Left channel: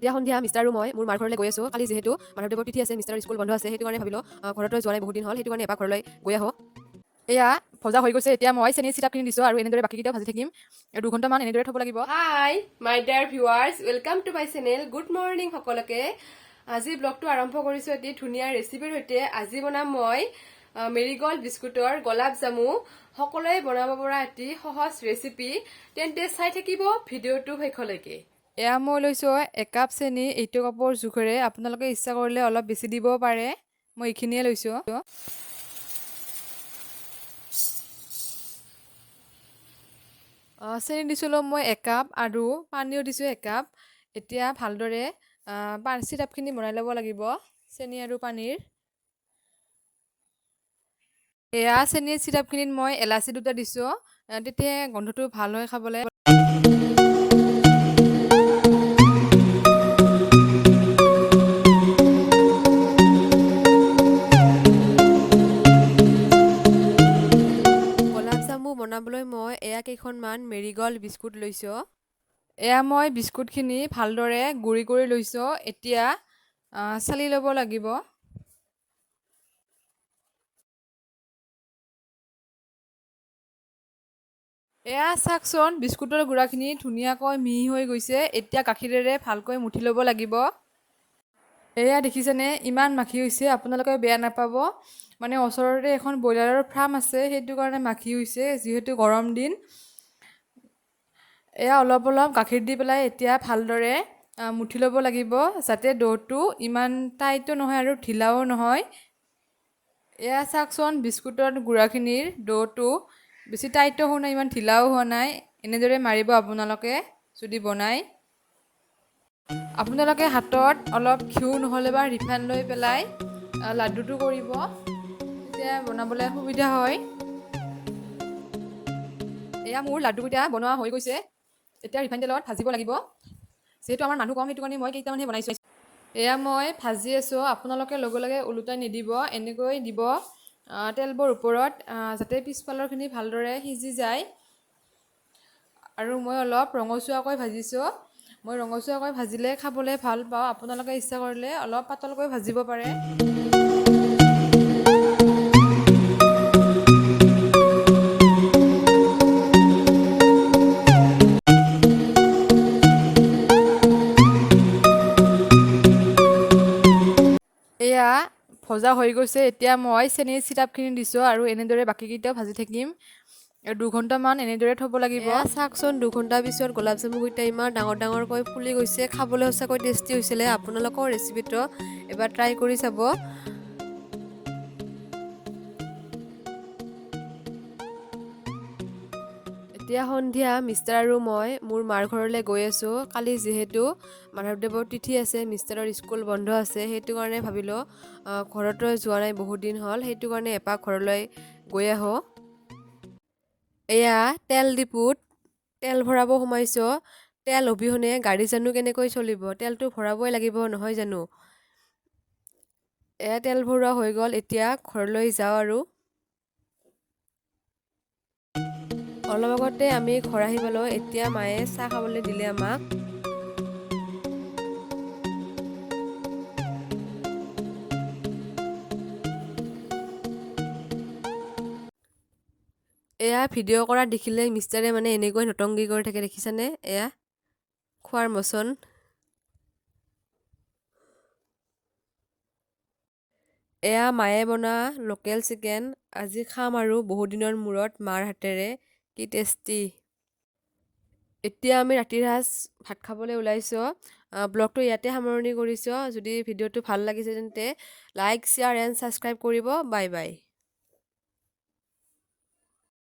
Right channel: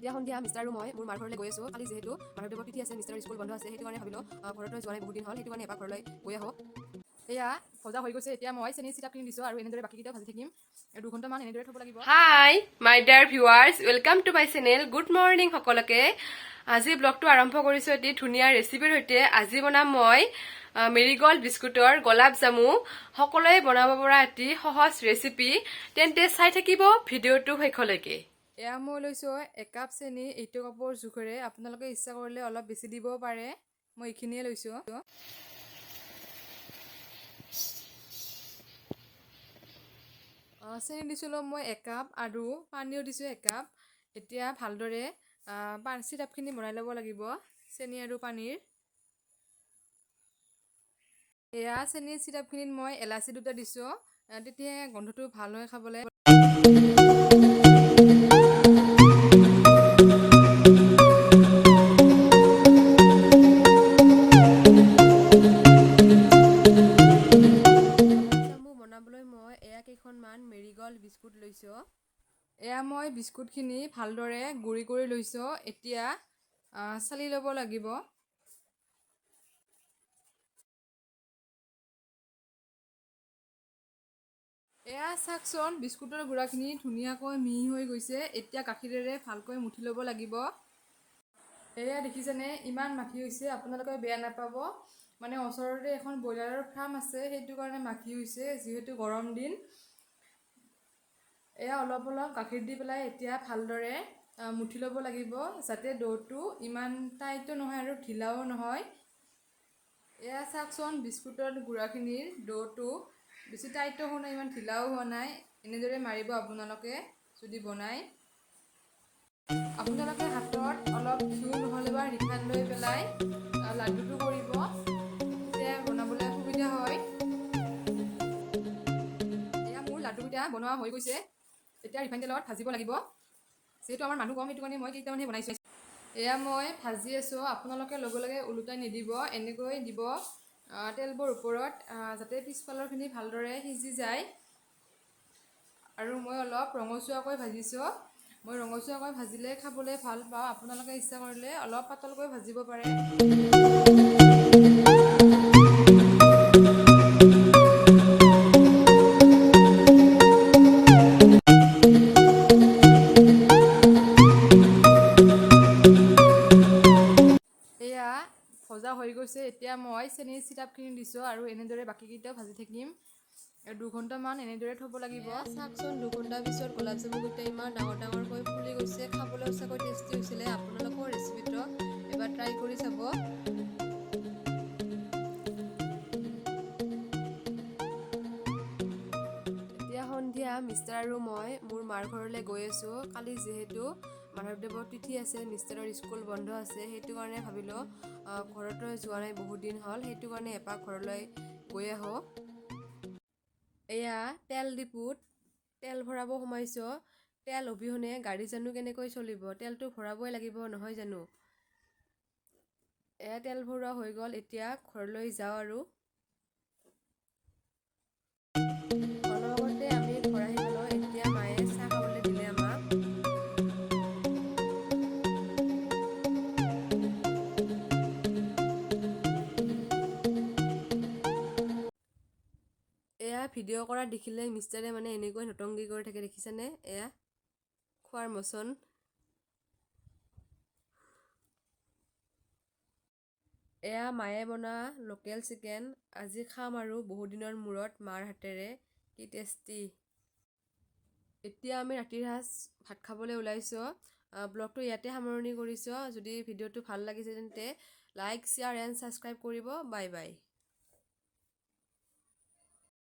এতিয়া সন্ধিয়া মিষ্টাৰ আৰু মই মোৰ মাৰ ঘৰলৈ গৈ আছোঁ। কালি যিহেতু মাধৱদেৱৰ তিথি আছে, মিষ্টাৰৰ স্কুল বন্ধ আছে, সেইটো কাৰণে ভাবিলোঁ ঘৰতো যোৱা নাই বহুত দিন হ'ল, সেইটো কাৰণে এপাক ঘৰলৈ গৈ আহোঁ। এয়া ভজা হৈ গৈছে, এতিয়া মই চেনি চিৰাপখিনি দিছোঁ আৰু এনেদৰে বাকীকেইটাও ভাজি থাকিম। 2 ঘণ্টামান এনেদৰে থ'ব লাগিব। Hi my dear viewers, welcome to my channel. Good morning সকলোকে। আজি ব্লগটো আৰম্ভ কৰিছোঁ এটি ধুনীয়া ৰেচিপিৰ সৈতে। আজি বনাম মই মেৰিগল্ড বিস্কুটৰ গোলাপ জামু। সকলোৱে বনাব পৰা এটি সহজ ৰেচিপি, তেন্তে চাই থাকিব ভিডিঅ'টো শেষলৈকে। এয়া মই লৈছোঁ 1 কাপ চেনি, এইটো কাপৰ জোখেৰে। আপোনালোকে ইচ্ছা কৰিলে অলপ বেছি দিব পাৰে, মই এইখিনিয়ে লৈছোঁ। চেনি দিছিলোঁ মই 1 কাপ আৰু পানীও দিছোঁ 1 কাপ। এতিয়া ভালদৰে চিৰাপখিনি বনাই ল'ব লাগিব, চেনি আৰু পানীৰ। এয়া চেনিৰ চিৰাপখিনিত মই এলাচি 2টা দিছোঁ, তেতিয়া গোন্ধটো ভাল হয় খাবলৈ। গোলাপ জামু বনাবলৈ মই এয়া কেইখনমান মেৰিগল্ড বিস্কুট লৈছোঁ। এয়া মই বিস্কুটখিনি ভালদৰে গুড়ি কৰি লৈছোঁ। এতিয়া চালি ল'ব লাগিব। এয়া চাওকচোন, বিস্কুটৰ গুড়াখিনি ধুনীয়াকৈ মিহি হৈ গৈছে। এতিয়া গাখীৰেৰে ভালকৈ মুঠি ল'ব লাগিব। এয়া দেখিছেনে, ইমান মাখি হৈছে, আপোনালোকে বেয়া নাপাব। মানে ওচৰতে এখন ব্ৰইলাৰৰ ফাৰ্ম আছে, সেইটো কাৰণে মাখি হৈছে, যিহেতু গৰম দিন। এয়া অলপ অলপ গাখীৰ দি পেলাই এতিয়া ভালদৰে মুঠি ল'ব লাগিব, যাতে ডোটো ইমান টাইটো নহয় আৰু ঢিলাও নহয়। এয়া চাওকচোন, বিস্কুটৰ গুড়াখিনিৰ ডোটো বেছি টাইটো হোৱা নাই, ইমান ঢিলাও হোৱা নাই। এনেদৰে মাৰিব আপোনালোকে যদি বনায়। আপোনালোকে হাতত অলপ ঘিউ নহ'লে বা ৰিফাইন লৈ পেলাই লাড্ডুটো কৰিব, তেতিয়া বনাবলৈ সুবিধা হয়। এয়া মোৰ লাড্ডুকেইটা বনোৱা হৈ গৈছে। এতিয়া ৰিফাইন তেলত ভাজিব লাগিব, যিহেতু আমাৰ মানুহ কম, সেইটো কাৰণে মই কেইটামানহে বনাইছোঁ। এয়া মই ভাজি আছোঁ, আপোনালোকে লগে লগে ওলোটাই নিদিব, এনেকৈ দিব তেলবোৰ ওপৰত, যাতে পিছফালৰখিনি ভালদৰে সিজি যায়। আৰু মই অলপ ৰঙচুৱাকৈ ভাজিছোঁ। মই ৰঙচুৱাকৈ ভাজিলে খাবলৈ ভাল পাওঁ, আপোনালোকে ইচ্ছা কৰিলে অলপ পাতলকৈ ভাজিব পাৰে। এয়া ভজা হৈ গৈছে, এতিয়া মই চেনিৰ চিৰাপখিনি দিছোঁ আৰু এনেদৰে বাকীকেইটাও ভাজি থাকিম। 2 ঘণ্টামান এনেদৰে থ'ব লাগিব। চাওকচোন, 2 ঘণ্টাৰ পিছত গোলাপ জামুকেইটা ইমান ডাঙৰ ডাঙৰকৈ ফুলি গৈছে, খাবলৈ সঁচাকৈ টেষ্টি হৈছিলে। আপোনালোকৰ ৰেচিপিটো এবাৰ ট্ৰাই কৰি চাব। এতিয়া সন্ধিয়া মিষ্টাৰ আৰু মই মোৰ মাৰ ঘৰলৈ গৈ আছোঁ। কালি যিহেতু মাধৱদেৱৰ তিথি আছে, মিষ্টাৰৰ স্কুল বন্ধ আছে, সেইটো কাৰণে ভাবিলোঁ ঘৰতো যোৱা নাই বহুত দিন হ'ল, সেইটো কাৰণে এপাক ঘৰলৈ গৈ আহোঁ। এয়া তেল ডিপুত তেল ভৰাব সোমাইছোঁ। তেল অবিহনে গাড়ী জানো কেনেকৈ চলিব, তেলটো ভৰাবই লাগিব নহয় জানো। এয়া তেল ভৰোৱা হৈ গ'ল, এতিয়া ঘৰলৈ যাওঁ আৰু। অলপ আগতে আমি ঘৰ আহি পালোঁ, এতিয়া মায়ে চাহ খাবলৈ দিলে আমাক। এয়া ভিডিঅ' কৰা দেখিলে মিষ্টাৰে মানে এনেকৈ নটংগী কৰি থাকে, দেখিছানে? এয়া খোৱাৰ মচন। এয়া মায়ে বনোৱা লোকেল চিকেন, আজি খাম আৰু বহুত দিনৰ মূৰত মাৰ হাতেৰে, কি টেষ্টি। এতিয়া আমি ৰাতিৰ সাঁজ ভাত খাবলৈ ওলাইছোঁ। ব্লগটো ইয়াতে সামৰণি কৰিছোঁ। যদি ভিডিঅ'টো ভাল লাগিছে তেন্তে লাইক, শ্বেয়াৰ এণ্ড ছাবস্ক্ৰাইব কৰিব। Bye bye.